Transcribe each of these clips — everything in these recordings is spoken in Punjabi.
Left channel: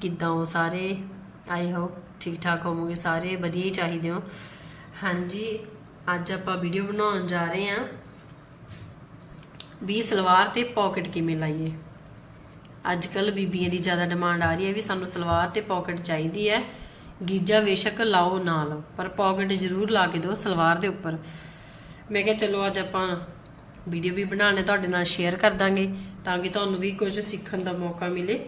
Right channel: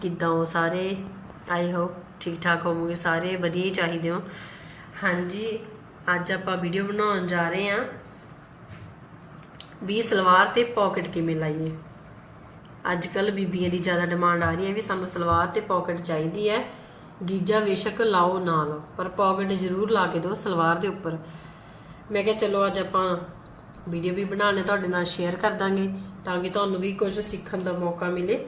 ਕਿੱਦਾਂ ਹੋ ਸਾਰੇ? ਆਈ ਹੋਪ ਠੀਕ ਠਾਕ ਹੋਵੋਗੇ ਸਾਰੇ, ਵਧੀਆ ਹੀ ਚਾਹੀਦੇ ਹੋ। ਹਾਂਜੀ, ਅੱਜ ਆਪਾਂ ਵੀਡੀਓ ਬਣਾਉਣ ਜਾ ਰਹੇ ਹਾਂ ਵੀ ਸਲਵਾਰ ਤੇ ਪਾਕਟ ਕਿਵੇਂ ਲਾਈਏ। ਅੱਜ ਕੱਲ ਬੀਬੀਆਂ ਦੀ ਜ਼ਿਆਦਾ ਡਿਮਾਂਡ ਆ ਰਹੀ ਹੈ ਵੀ ਸਾਨੂੰ ਸਲਵਾਰ ਤੇ ਪਾਕਟ ਚਾਹੀਦੀ ਹੈ। ਗੀਜਾ ਬੇਸ਼ੱਕ ਲਾਓ ਨਾ ਲਾਓ, ਪਰ ਪਾਕਟ ਜ਼ਰੂਰ ਲਾ ਕੇ ਦਿਓ ਸਲਵਾਰ ਦੇ ਉੱਪਰ। ਮੈਂ ਕਿਹਾ ਚਲੋ ਅੱਜ ਆਪਾਂ ਵੀਡੀਓ ਵੀ ਬਣਾਉਣੇ ਤੁਹਾਡੇ ਨਾਲ ਸ਼ੇਅਰ ਕਰ ਦਾਂਗੇ ਤਾਂ ਕਿ ਤੁਹਾਨੂੰ ਵੀ ਕੁਝ ਸਿੱਖਣ ਦਾ ਮੌਕਾ ਮਿਲੇ।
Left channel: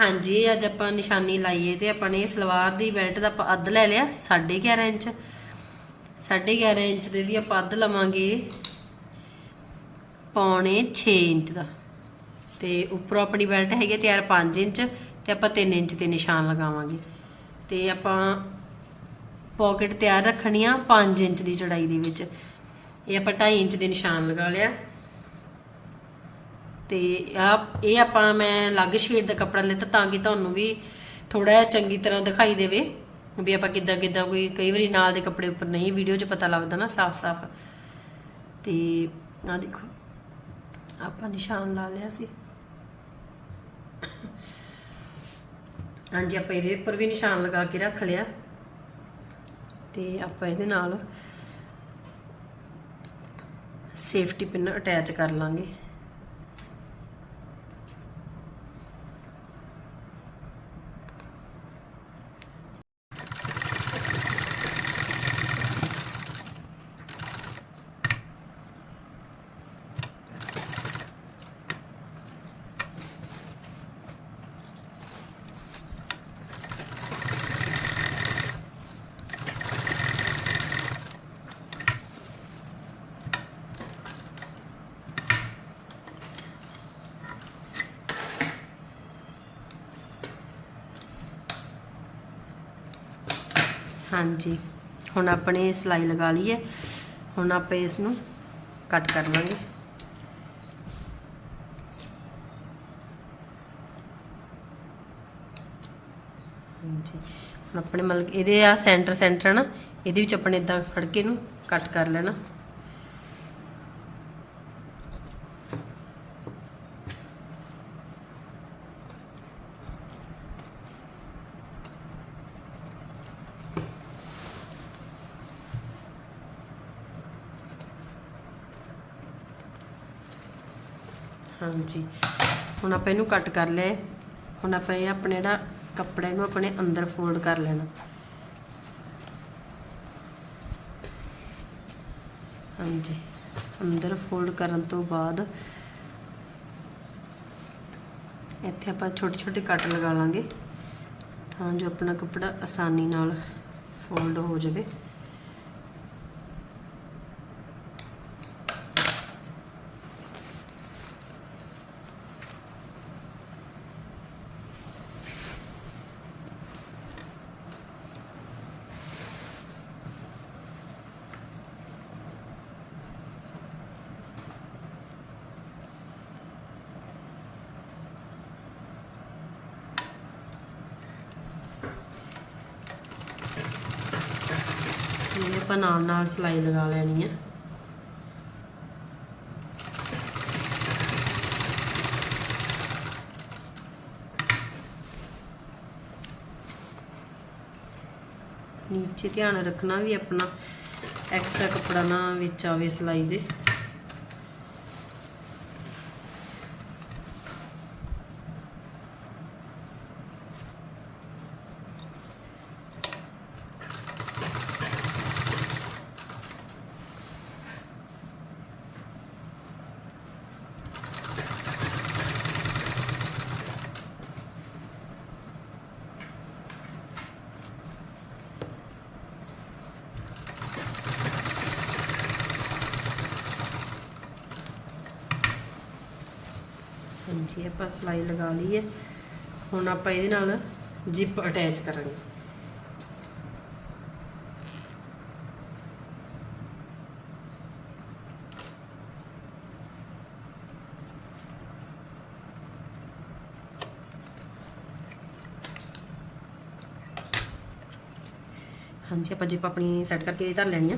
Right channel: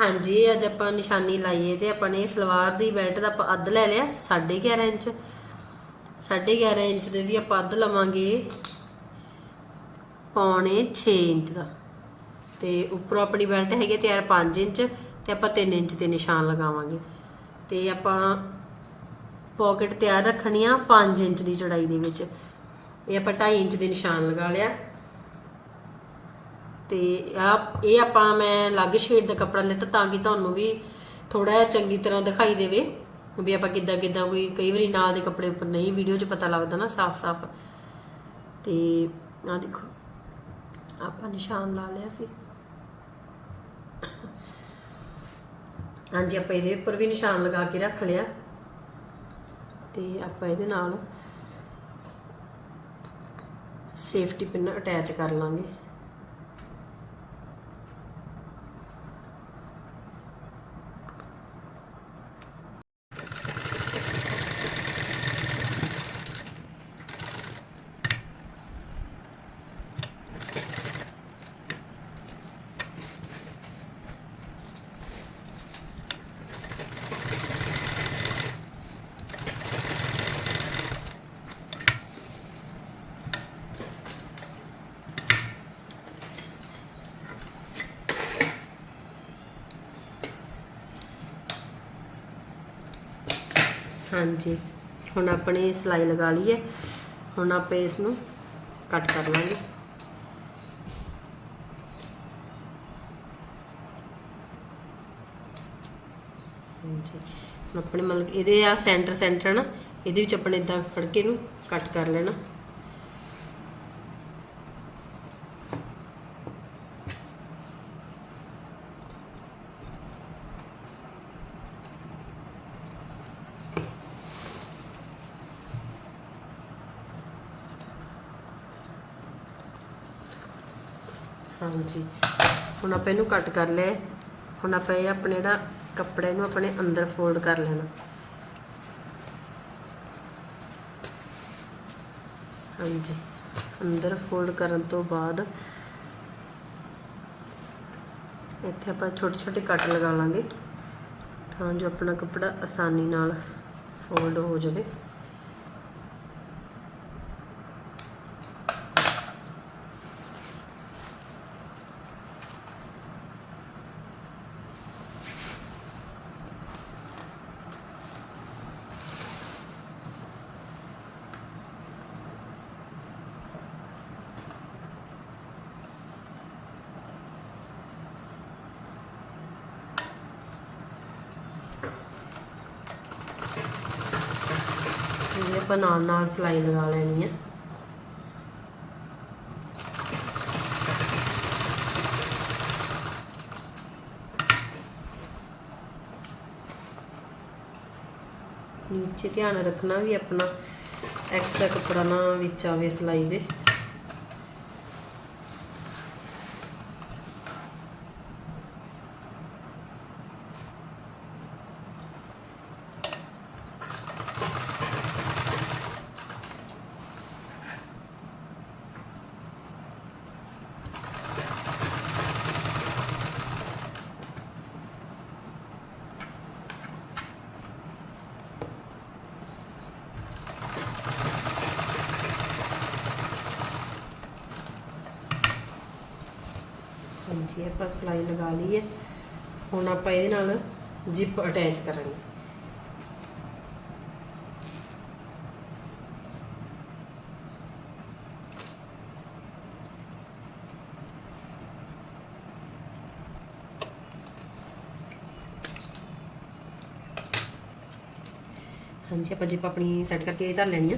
ਹਾਂਜੀ ਅੱਜ ਆਪਾਂ ਨਿਸ਼ਾਨੀ ਲਾਈਏ ਤੇ ਆਪਾਂ ਨੇ ਸਲਵਾਰ ਦੀ ਬੈਲਟ ਦਾ ਆਪਾਂ ਅੱਧ ਲੈ ਲਿਆ 11.5 ਇੰਚ। 11.5 ਇੰਚ ਦੇ ਵੀ ਆਪਾਂ ਅੱਧ ਲਵਾਂਗੇ। ਪੌਣੇ 6 ਇੰਚ ਦਾ। ਤੇ ਉੱਪਰੋਂ ਆਪਣੀ ਬੈਲਟ ਹੈਗੀ ਹੈ ਤਿਆਰ 5 ਇੰਚ ਤੇ ਆਪਾਂ 3 ਇੰਚ ਤੇ ਨਿਸ਼ਾਨ ਲਗਾਵਾਂਗੇ। ਤੇ ਆਪਾਂ ਪਾਕਟ ਤਿਆਰ ਰੱਖਣੀ ਆ 5 ਇੰਚ ਦੀ ਚੜਾਈ ਦੇ ਵਿੱਚ। ਇਹ ਆਪਾਂ 2.5 ਇੰਚ ਦੇ ਨਿਸ਼ਾਨ ਲਗਾ ਲਿਆ। ਤੇ ਆ, ਇਹ ਆਪਾਂ ਮੈਂ ਅਲੱਗ ਸ਼ੇਡ ਦਾ ਕੱਪੜਾ ਲਿੱਤਾ ਤਾਂ ਕਿ ਤੁਹਾਨੂੰ ਵੀ ਥੋੜਾ ਜਿਹਾ ਚੰਗੀ ਤਰ੍ਹਾਂ ਦਿਖਾਈ ਦੇਵੇ ਵੀ ਆਪਾਂ ਕਿੱਦਾਂ ਕਿੱਦਾਂ ਕੋਈ, ਕਈ ਵਾਰੀ ਨਾਲ ਦੇ ਕੱਪੜੇ ਉੱਪਰ ਨਹੀਂ, ਵੀਡੀਓ 'ਚ ਪਤਾ ਲੱਗਦਾ ਨਾ ਸਾਫ਼-ਸਾਫ਼ ਤੇ ਆ ਦੇਖੋ, ਆਪਾਂ ਨਿਸ਼ਾਨ ਲਾ ਲਿਆ ਸੀ। ਹਾਂਜੀ, ਆਪਾਂ ਇਹਦੇ ਉੱਪਰ ਵੀ ਨਿਸ਼ਾਨ ਲਗਾ ਕੇ ਰੱਖ ਲਿਆ। ਤੇ ਆਪਾਂ ਇਹਦੇ ਨਾਲ ਸੇਫਟੀ ਪਿੰਨ ਅਟੈਚ ਕਰ ਲਾਂਗੇ। ਹਾਂਜੀ। ਹੁਣ ਆਪਣੇ ਸਿਲਾਈ ਲਗਾ ਲਈ ਹੈ ਹੁਣ ਆਪਾਂ ਇਸ ਨੂੰ ਕੱਟ ਕਰ ਲਾਂਗੇ। ਹਾਂਜੀ। ਹੁਣ ਆਪਣੇ ਮਤਲਬ ਇਹਦੇ ਆ ਸੈਂਟਰ ਸੈਂਟਰ ਨਾ, ਇਹਦੇ ਵਿੱਚ ਆਪਣੇ ਇਦਾਂ ਫੜ ਕੇ ਨੂੰ ਕੱਟ ਕਰ ਲੈਣਾ। ਹਾਂਜੀ। ਹੁਣ ਆਪਾਂ ਇਹਨੂੰ ਕੱਟ ਕਰ ਲਿਆ ਹੁਣ ਆਪਾਂ ਇਹ ਆਪਣੇ ਜਿਹੜਾ ਕੱਪੜੇ ਨੂੰ ਆਪਣੇ ਅੰਦਰ ਫੋਲਡ ਕਰ ਲੈਣਾ। ਹਾਂਜੀ। ਅੰਦਰ ਫੋਲਡ ਕਰਨ ਤੋਂ ਬਾਅਦ ਇੱਥੇ ਆਪਾਂ ਛੋਟੇ ਛੋਟੇ ਕੱਟ ਲਗਾ ਲਾਂਗੇ ਤਾਂ ਜੋ ਆਪਣਾ ਕੱਪੜਾ ਆਸਾਨੀ ਨਾਲ ਫੋਲਡ ਹੋ ਜਾਵੇ। ਇਹ ਆਪਾਂ ਨਾਲ ਨਾਲ ਸਿਲਾਈ ਲਗਾ ਲੈਣੀ ਹੈ ਨੀਚੇ ਧਿਆਨ ਰੱਖਣਾ ਵੀ ਆਪਣਾ ਐਕਸਟਰਾ ਕੱਪੜਾ ਨਾ ਵਿੱਚ ਆਵੇ ਸਿਲਾਈ ਦੇ। ਹਾਂਜੀ, ਆਪਾਂ ਸਿਲਾਈ ਲਗਾ ਲਈ ਹੈ। ਹੁਣ ਆਪਾਂ ਇਹਦੇ ਨਾਲ ਜਿਪ ਅਟੈਚ ਕਰਾਂਗੇ। ਹਾਂਜੀ, ਆਪਾਂ ਜਿਪ ਆਪਣੀ ਸੈੱਟ ਕਰਕੇ ਧਰ ਲੈਣੀ ਆ।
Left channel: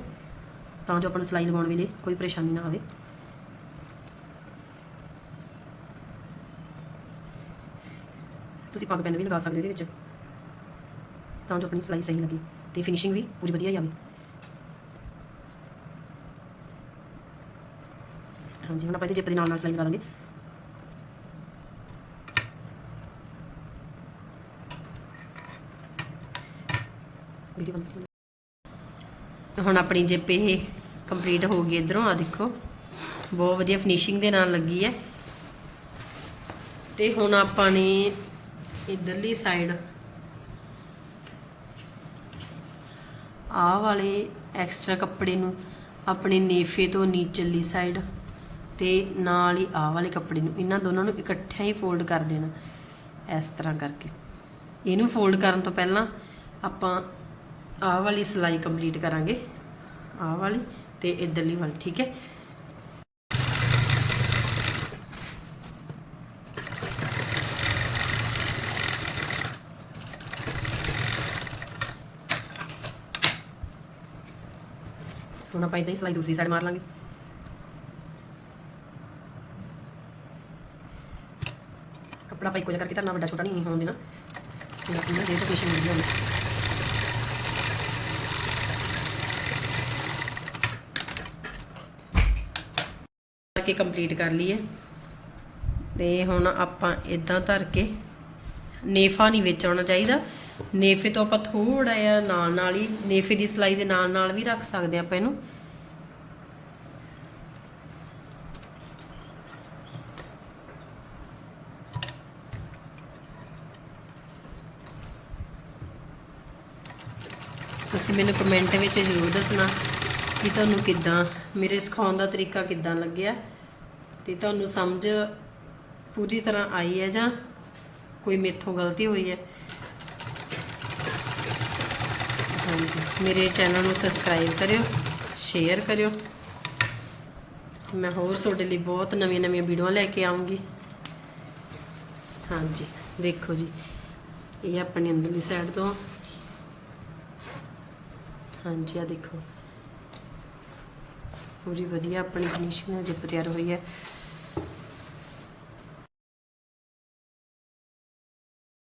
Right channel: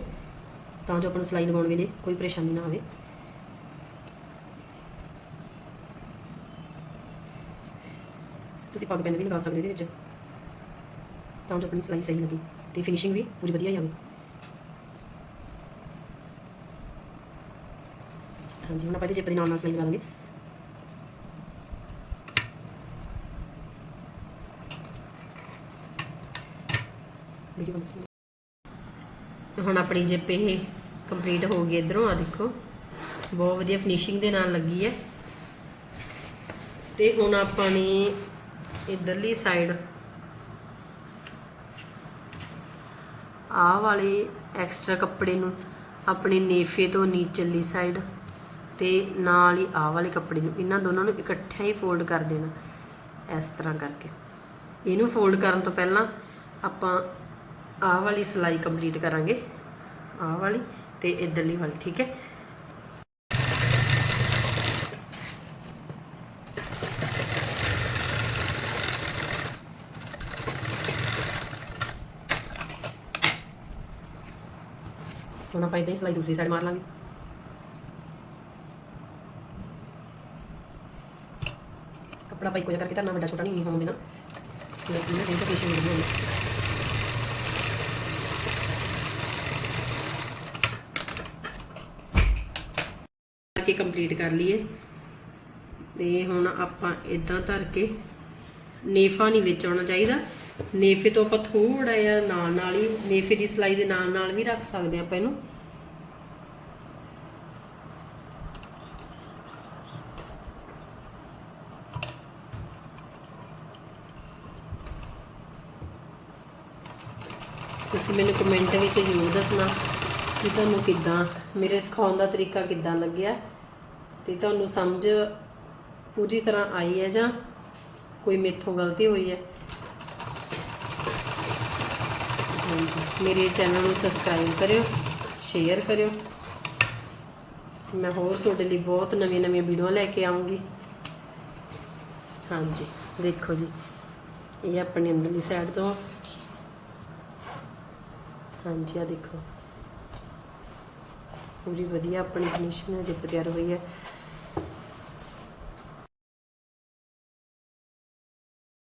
ਤਾਂ ਜੋ ਆਪਾਂ ਨੂੰ ਸਿਲਾਈ ਲਗਾਉਣ ਵੇਲੇ ਕੋਈ ਪਰੇਸ਼ਾਨੀ ਨਾ ਆਵੇ। ਤੁਸੀਂ ਪੱਗ ਪੈਨ ਵੀ ਲਗਾ ਸਕਦੇ ਇਹਦੇ ਵਿੱਚ। ਤਾਂ ਜੋ ਆਪਣੀ ਸਿਲਾਈ ਸਹੀ ਲੱਗੇ ਤੇ ਫਿਨਿਸ਼ਿੰਗ ਵੀ ਪੂਰੀ ਵਧੀਆ ਆਵੇ ਹਾਂਜੀ, ਹੁਣ ਆਪਾਂ ਇਹਦੇ ਜਿੱਪ ਦੇ ਨਾਲ ਨਾਲ ਸਿਲਾਈ ਲਗਾ ਦਾਂਗੇ ਵੀਡੀਓ ਬਣਾ ਹੁਣ ਆਪਣੀ ਜਿੱਪ ਇਹ ਕੰਪਲੀਟ ਹੋ ਗਈ ਇਧਰੋਂ। ਆ ਦੇਖੋ, ਬਹੁਤ ਵਧੀਆ ਫਿਨਿਸ਼ਿੰਗ ਦੇ ਨਾਲ ਲੱਗੀ ਹੈ। ਤੇ ਹੁਣ ਆਪਾਂ ਨੇ ਇਧਰਲੀ ਸਾਈਡ ਆਹ ਵਾਲੇ ਐਕਸਟਰਾ ਕੱਪੜੇ ਨੂੰ ਆਪਣੇ ਨੇਫੇ ਤੋਂ ਨੀਚਲੀ ਸਾਈਡ ਤੇ ਨਾਲ ਹੀ ਆਹ ਵਾਲੇ ਕੱਪੜੇ ਨੂੰ ਇਹਨਾਂ ਦੋਨਾਂ ਨੂੰ ਇਕੱਠਿਆਂ ਹੀ ਫੋਲਡ ਕਰ ਦੇਣਾ ਇਸ ਤਰ੍ਹਾਂ ਕਰਕੇ। ਇਹਨੂੰ ਫੋਲਡ ਕਰਨ ਤੋਂ ਪਹਿਲਾਂ ਆਪਾਂ ਆਹ ਵਾਲੀ ਸਿਲਾਈ ਕੰਪਲੀਟ ਕਰਾਂਗੇ। ਆਹ ਵਾਲੀ ਤੇ ਇਧਰਲੀ ਵਾਲੀ, ਠੀਕ ਹੈ? ਹੁਣ ਆਪਾਂ ਇਦਾਂ ਹੀ ਸਿਲਾਈ ਦੂਸਰੀ ਸਾਈਡ ਮਾਰ ਲਾਂਗੇ ਕੱਪੜਾ ਆਪਾਂ ਇੱਕੋ ਜਿਹਾ ਕਰਕੇ ਧਰਨਾ ਵੱਡਾ ਛੋਟਾ ਨਹੀਂ ਹੋਣ ਦੇਣਾ ਲੇਕਿਨ ਇਹ ਡੈਡੀਕੇਸ਼ਨ ਵਧੀਆ ਹੈ ਕਰਕੇ ਕੰਪਲੀਟ ਕਰ ਲਈਏ ਤੇ ਹੁਣ ਆਪਾਂ ਇਦਾਂ ਧਰ ਕੇ ਨੇਫਾ ਨਹੀਂ ਵਿੱਚ ਆਉਣਾ ਚਾਹੀਦਾ ਨੇਫੇ ਤੋਂ ਆਪਾਂ ਥੋੜਾ ਜਿਹਾ ਨਾਲ ਨਾਲ ਹੀ, ਨੇਫੇ ਦੀ ਸਲਾਈ ਦੇ ਨਾਲ ਨਾਲ ਵੀ ਰੱਖ ਸਕਦੇ ਆਪਾਂ ਇਹਨੂੰ। ਤੁਸੀਂ ਮੈਨੂੰ ਕਮੈਂਟ ਵਿੱਚ ਜ਼ਰੂਰ ਦੱਸਣਾ ਕਿ ਤੁਹਾਨੂੰ ਕਿੱਦਾਂ, ਮੇਰੇ ਸਿਖਾਉਣ ਦਾ ਤਰੀਕਾ ਕਿੱਦਾਂ ਲੱਗਿਆ। ਤੇ ਤੁਹਾਨੂੰ ਸਮਝ ਪੂਰੀ ਤਰ੍ਹਾਂ ਆਈ ਹੈ ਜਾਂ ਕੋਈ ਮੇਥੋਂ ਗਲਤੀ ਹੋਈ ਹੈ ਹਾਂਜੀ, ਮੇਰੇ ਚੈਨਲ ਨੂੰ ਸਬਸਕ੍ਰਾਈਬ ਕਰਿਓ ਸ਼ੇਅਰ ਕਰਿਓ। ਮੈਂ ਹੋਰ ਤੁਹਾਡੇ ਲਈ ਬਹੁਤ ਨਵੀਆਂ ਨਵੀਆਂ ਵੀਡੀਓ ਲੈ ਕੇ ਆਉਂਗੀ। ਹਾਂਜੀ, ਦੇਖੋ ਜੀ, ਇਹ ਆਪਣੀ ਅੰਦਰਲੀ ਸਾਈਡ ਤੋਂ। ਹਾਂਜੀ ਆ ਦੇਖੋ। ਪੂਰੀ ਵਧੀਆ ਆਪਣੀ ਫਿਨਿਸ਼ਿੰਗ ਜਿੱਪ ਤਿਆਰ ਹੋਈ ਹੈ।